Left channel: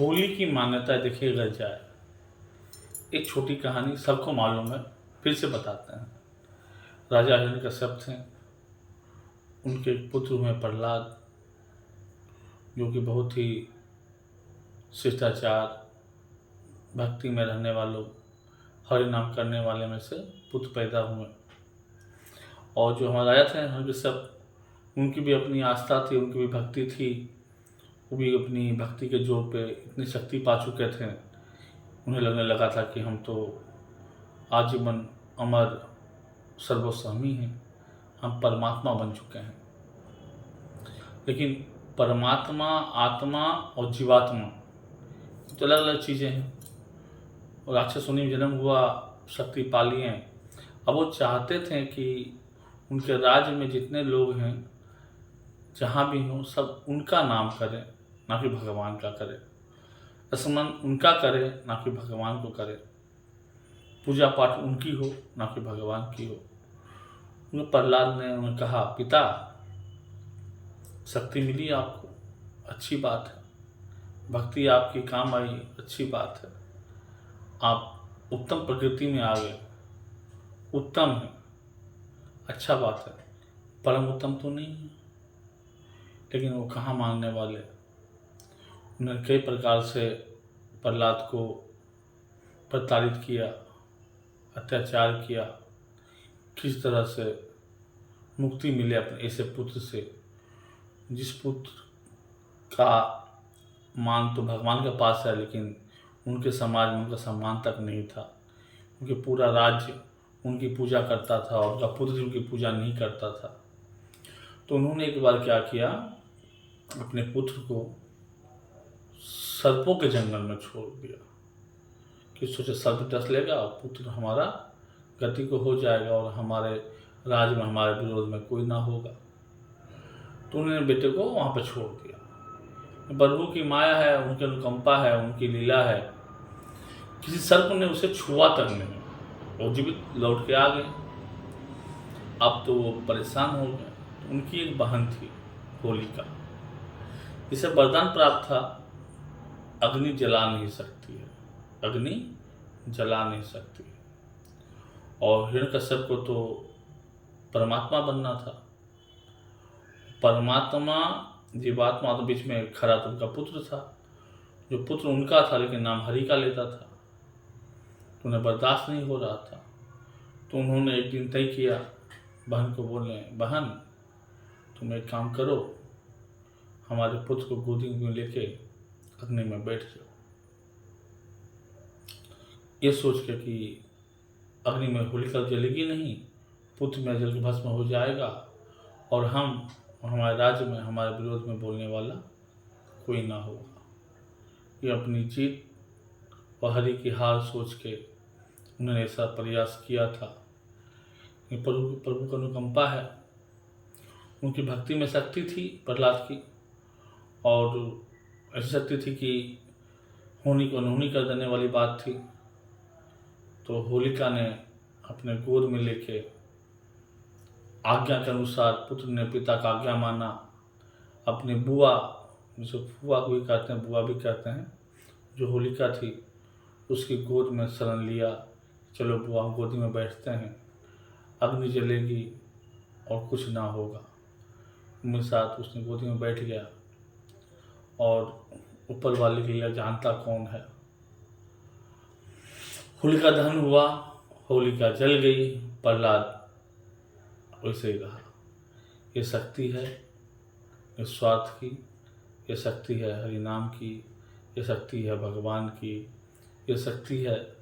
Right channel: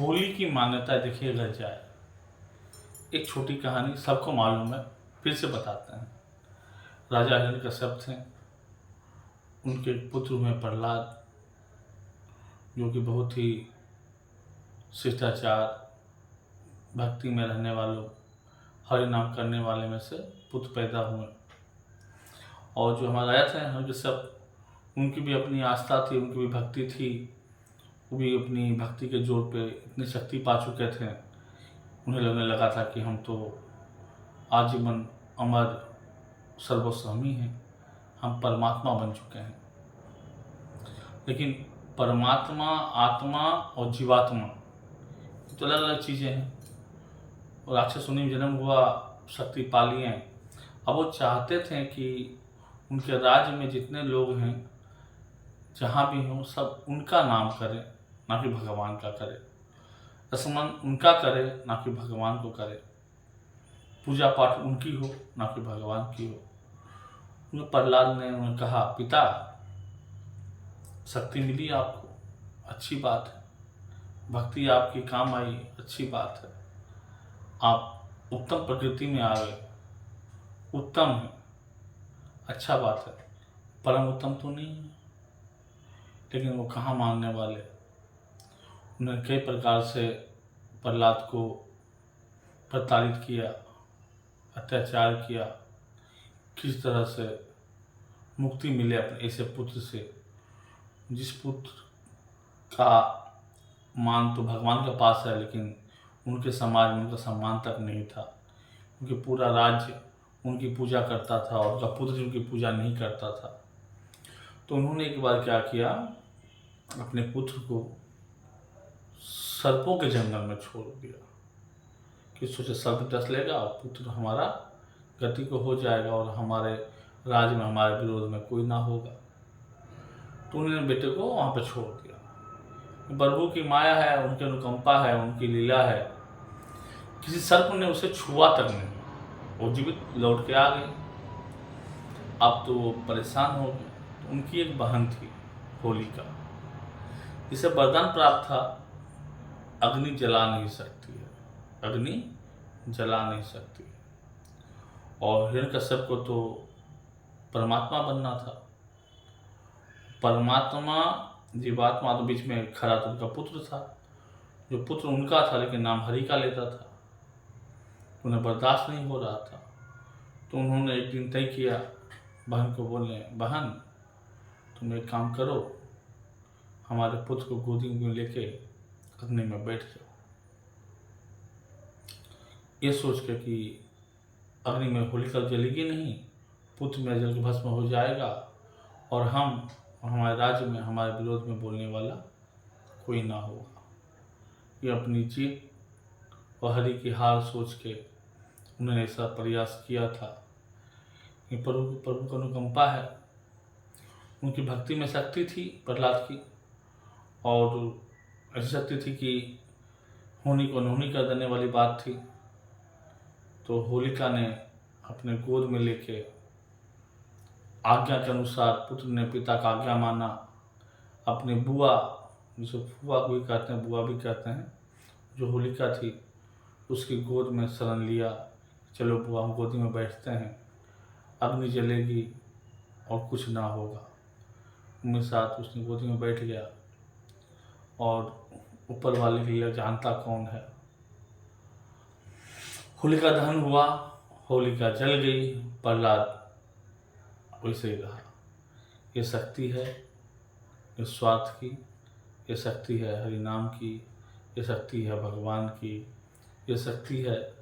होली की मान्यता देखिए अगर जाए, एक छोटी कहानी सबको मालूम है, फिर से बताते हैं। राजा हिरण्यकश्यप थे, उनके एक पुत्र हुए प्रहलाद, जो कि बहुत ही शिष्टाचार, भक्ति में रहने वालों, हरि नाम करने वाले में से पुत्र पैदा हुए। और जो हमारे राजा थे हिरण्यकश्यप, उनकी भी अपनी आस्था थी, उनकी भी भक्ति थी। वो भी अपनी भक्ति के जोर पे इतनी शक्ति पा चुके थे, उन्हें लगने लगा था कि हम तो आजीवन अमर सर्वस्वामी हैं, हम परमात्मा बन चुके हैं। लेकिन परमात्मा, आत्मा और जीवात्मा तो अलग अलग चीज़ें हैं। और राक्षस योनि में जन्म हुआ, शक्ति पा लिए। अब वो चाहते थे कि उनके राज्य में जितने लोग हैं, जहाँ भी हों, सब उनका नाम करें, ना कि भगवान का करें। स्मरण उनका करे, ना कि भगवान को करे। पूजा पाठ उनकी हो, ना कि भगवान की हो। उन्हें प्रहलाद ने उन्हें कहा, पिता, शक्ति मिली आपको, अच्छी बात है। भक्ति आपकी काम आई, अच्छी बात है। आप उत्तम प्रकृति में आ गए, उत्तम है, अच्छा बात है। परम उत्तम तो नहीं है। लेकिन वो कहाँ मानने वाले। उन्होंने कई प्रकार से प्रहलाद को प्रताड़ित किया, अत्याचार किया। किस तरह से मुक्ति मिले अपने ऐसे पुत्र से, जिस पुत्र का मान तो भगवान के पास है, लेकिन उनके समाज में उनका सम्मान तक नहीं था। क्योंकि पूरा राज्य उनकी पूजा करता था और उनका पुत्र उनकी पूजा नहीं करता था। तो उन्होंने एक बार क्या किया, अपने पुत्र को सर्पों के जंगल में छोड़ दिया कि सोचे सर्प डस लेगा और पुत्र हमारा गति को हो जाएगा और हमारे राज्य में हमारे विरोध में कोई ना होगा। तो उन्होंने बेटे को वहाँ पर छोड़ दिया। प्रभु की माया है, उनकी अनुकंपा है, उनकी लीला है। किसी सर्प ने उसे छुआ तक नहीं, वो जीवित लौट के आ गए। अब तो वो परेशान हो गए। तो उनकी एक बहन थी होलिका, जिसे वरदान प्राप्त था, अग्नि जला नहीं सकती है, अग्नि जला नहीं सकती। और हिरण्यकश्यप को तो परमात्मा बनना था। परमात्मा जीवात्मा तो बीच में खड़ा तो उनका पुत्र था, जो पुत्र उनका था लेकिन नाम हरि का लेता था। तो उन्हें बर्दाश्त नहीं हो रहा था। तो उन्होंने एक दिन तय किया, बहन को बोले, बहन तुम एक काम करो, हमारे पुत्र को गोदी में लेके अग्नि में बैठ जाओ। ये सोच के कि अग्नि में होलिका जलेगी नहीं, पुत्र में जल के भस्म हो जाएगा और हम हमारे राज्य में हमारे विरोध में बोलने वाला कोई ना होगा। ये अपनी जीत और हरि की हार सोच के उन्होंने ऐसा प्रयास किया था। कि प्रभु का अनुकंपा है, उनकी भक्ति में शक्ति थी प्रहलाद की, और ऐसी शक्ति थी कि होनी को नोनी कर देने वाली बात थी। तो होलिका ने अपने गोद में लेके आज्ञा के अनुसार, पुत्र ने पिता का आज्ञा माना, अपने बुआ, जिसे फुआ भी कहते हैं, बुआ भी कहते हैं, जो होलिका थी, उसकी गोद में शरण लिया। चलो बुआ, हम गोदी में बैठते हैं, अग्नि जलेगी और कुछ ना होगा। मेरे साथ उसने गोदी में बैठ गया और ऊपर वाले की लीला जानता कौन है। होलिका दहन हुआ, होलिका जल गई, प्रहलाद वैसे ही रहा। ये शक्ति है निस्वार्थ की, ये शक्ति है हरि नाम की, ये शक्ति है भगवान की, ये शक्ति है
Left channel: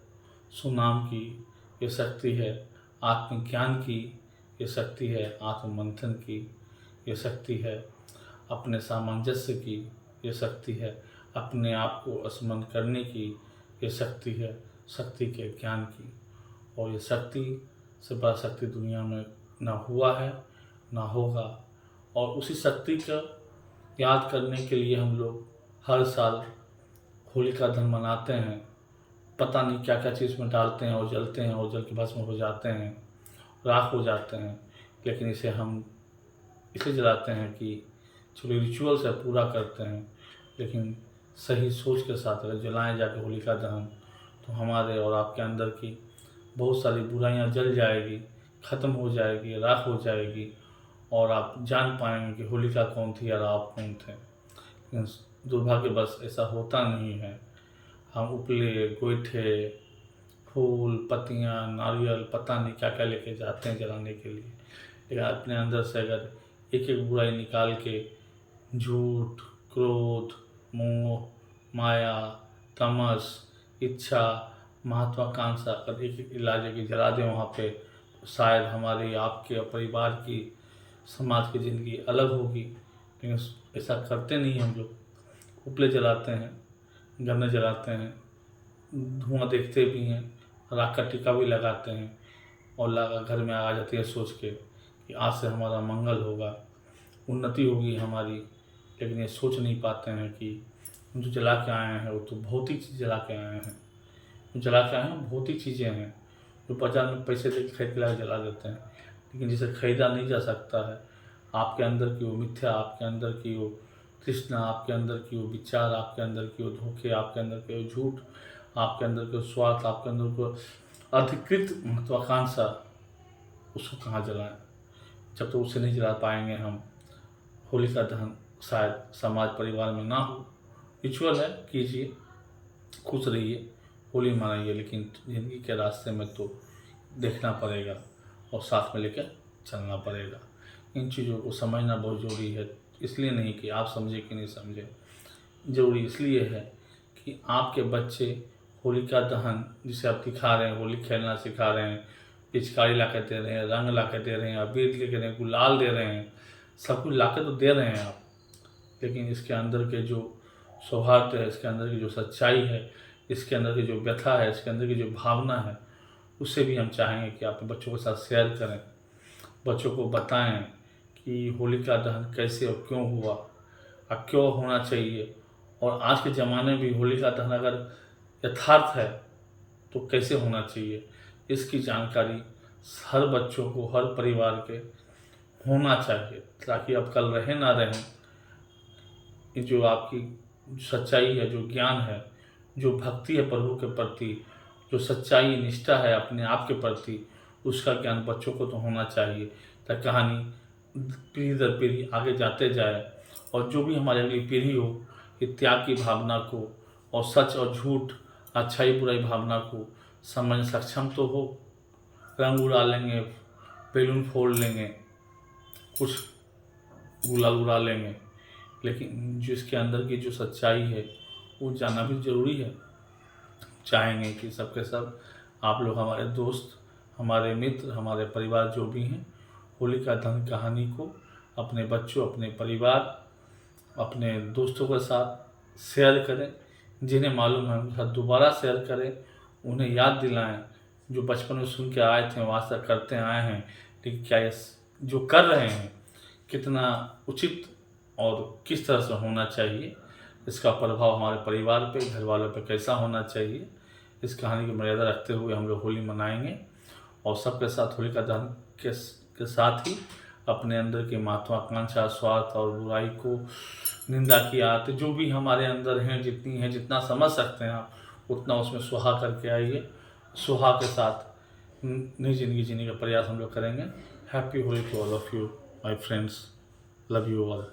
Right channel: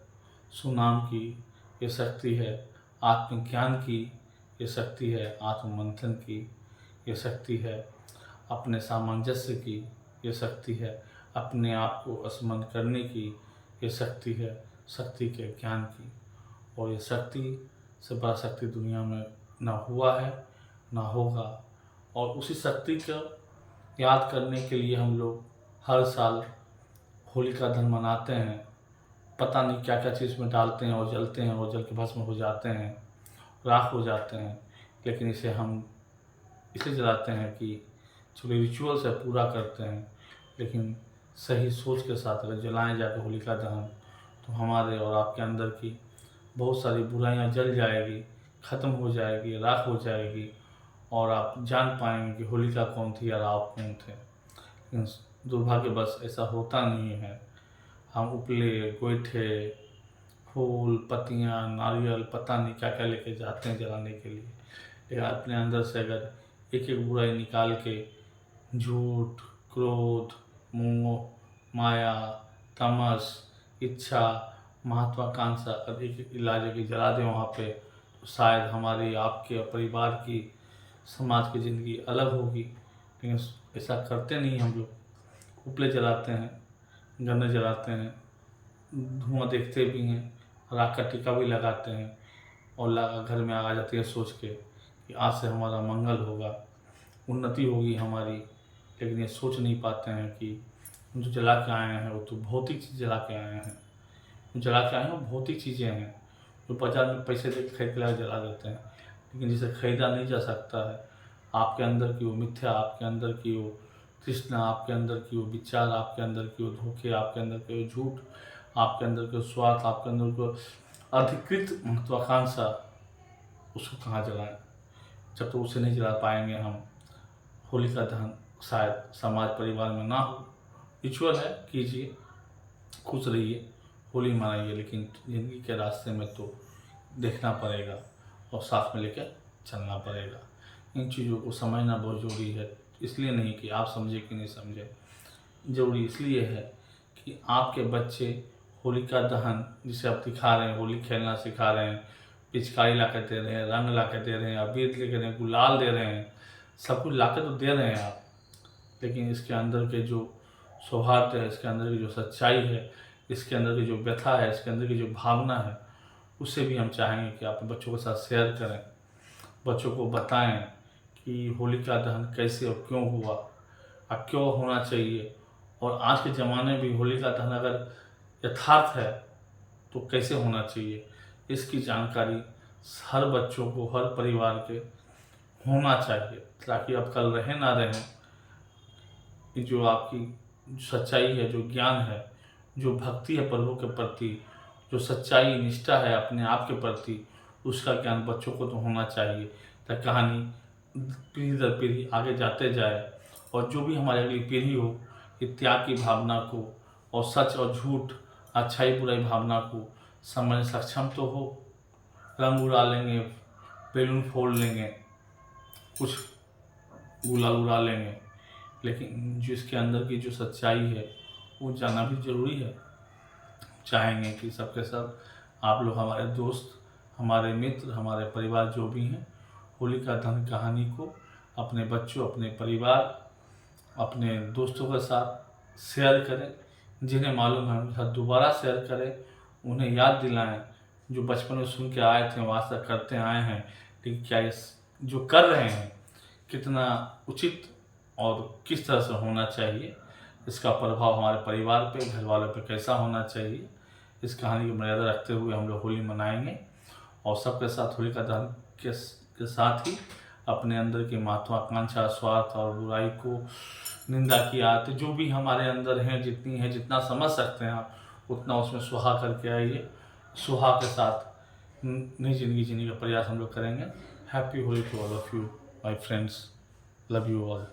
सुनाम की, ये शक्ति है आत्मज्ञान की, ये शक्ति है आत्ममंथन की, ये शक्ति है अपने सामंजस्य की, ये शक्ति है अपने आप को स्मरण करने की, ये शक्ति है शक्ति के ज्ञान की। और ये शक्ति से बड़ा शक्ति दुनिया में ना हुआ है ना होगा। और उसी शक्ति का याद करने के लिए हम लोग हर साल होलिका दहन मनाते हैं। पता नहीं क्या क्या चीज़ में डालते हैं और जलते हैं और जल के भस्म हो जाते हैं, राख हो जाते हैं। लेकिन इसे हम इसलिए जलाते हैं कि चलो रिचुअल्स है, पूरा करते हैं। लेकिन सही सोच के साथ अगर जलाएं जाके होलिका दहन, तो हमारे और आपके अंदर की बहुत सारी बुराइयां जल जाएगी, ख़त्म हो जाएगी, राख हो जाएगी, और आप जान पाएंगे कि होलिका कौन थी और आप कौन थे। लेकिन दुर्भाग्यवश ऐसा होता नहीं है। हम उपले, गोईठे, फूल, पत्तियाँ, नारियल, पता नहीं क्या क्या लेके जाते हैं जलाने के लिए, लेकिन अपने अंदर से अगर एक एक बुराई निकाल के झूठ, क्रोध, मोह, माया, तमस, इच्छा, महत्वाकांक्षा अगर एक एक इलाज की जला दें वहाँ पे, तो शायद हमारी, आपके और परिवार की, समाज की ज़िंदगी अलग होगी। लेकिन ऐसा करते नहीं हम लोग। उपले जलाते हैं, गन्ने जलाते हैं, धुआं देखते भी हैं, राख का टीका भी लगाते हैं, और लगा घर में आ जाती है सोच के कि आज से हमारा मंगल होगा, उन्नति होगी हमारी। लेकिन ये सोच नहीं पाते हैं कि जो जला के आए हैं वो तो भौतिक चीज़ जला के आए हैं। जो जला के आए हैं वो भौतिक चीज़ें हैं, जो बाजार में पैसे दे के खरीद के लाके जला देते हैं, लेकिन जिसे खरीदा नहीं जा सकता है। आपके अंदर की वो मिथ्या, आपके अंदर की वो तृष्णा, आपके अंदर की वो विचार, आपके अंदर की वो धोखे, आपके अंदर के वो झूठ, आपके अंदर के स्वार्थ, आपके अंदर को अधिकृत महत्वाकांक्षा, उसको कहाँ जलाएं। जब तक उसे नहीं जला पाएंगे हम, होलिका दहन शायद समाज परिवार में ना हो। रिचुअल है, कीजिए, खुश रहिए, होली मनाइए, लेकिन ज़िंदगी के रास्ते में तो देखना पड़ेगा और साथ में लेकर चलना पड़ेगा। इन चीज़ों को समझना बहुत ज़रूरी है। इसलिए नहीं कि आप समझे कि नहीं समझे, ज़रूरी इसलिए है कि आपके बच्चे होलिका दहन जिसे आप दिखा रहे हैं, होली खेलना सिखा रहे हैं, पिचकारी ला कर दे रहे हैं, रंग ला कर दे रहे हैं, अबीर ले रहे हैं, गुलाल दे रहे हैं, सब कुछ ला के तो दे रहे हैं आप, लेकिन इसके अंदर के जो सौहार्द है, इसके अंदर की जो सच्चाई है, इसके अंदर की जो व्यथा है, इसके अंदर की जो भावना है, उसे भी हम चाहेंगे कि आप बच्चों के साथ शेयर करें, बच्चों को बताएं कि होलिका दहन कैसे और क्यों हुआ और क्यों होना चाहिए, और आज के ज़माने में भी होलिका दहन अगर यथार्थ है तो कैसे होना चाहिए, इसकी जानकारी हर बच्चों को, हर परिवार के होना चाहिए, ताकि अब कल रहे ना रहें। ये जो आपकी सच्चाई है, जो ज्ञान है, जो भक्ति है प्रभु के प्रति, जो सच्चाई निष्ठा है अपने आप के प्रति, उसका ज्ञान बच्चों को तो होना चाहिए, ताकि कहानी पीढ़ी दर पीढ़ी आगे जाते जाए, और जो भी हमारी अगली पीढ़ी हो, ये त्याग की भावना को और सच और झूठ, अच्छाई बुराई भावना को समझने सक्षम तो हो। रंग उड़ा लेंगे, बैलून फोड़ लेंगे, कुछ गुलाल उड़ा लेंगे, लेकिन जो इसके अंदर की जो सच्चाई है वो जानना भी ज़रूरी है। चाहेंगे कि सबके सब आप लोग, हमारे दोस्त, हमारे मित्र, हमारे परिवार जो भी हैं, होलिका दहन कहानी को अपने बच्चों, अपने परिवार, अपने दोस्तों के साथ शेयर करें। जिन्हें मालूम है उनके साथ दोबारा शेयर करें, उन्हें याद दिलाएं जो बचपन में सुन के आए थे, वो आज तक करते आए हैं, लेकिन क्या ये जो कर रहे हैं कितना उचित और किस तरह से होना चाहिए, इसका प्रभाव हमारे परिवार पे, घर वालों पे कैसा होना चाहिए, इस कहानी की मर्यादा रखते हुए हम लोग होली मनाएंगे। और सबके साथ होलिका दहन के साथ ही अपने अंदर की महत्वाकांक्षा, स्वार्थ और बुराई को, निंदा की आदत जो भी हमारे अंदर हैं, जितनी है, जितना समझ सकते हैं आप, उतना उसमें सुहा करके आइए। सुहा के साथ नई जिंदगी जीने का प्रयास हम लोग करेंगे। Happy Holi to all of you my friends, love you all.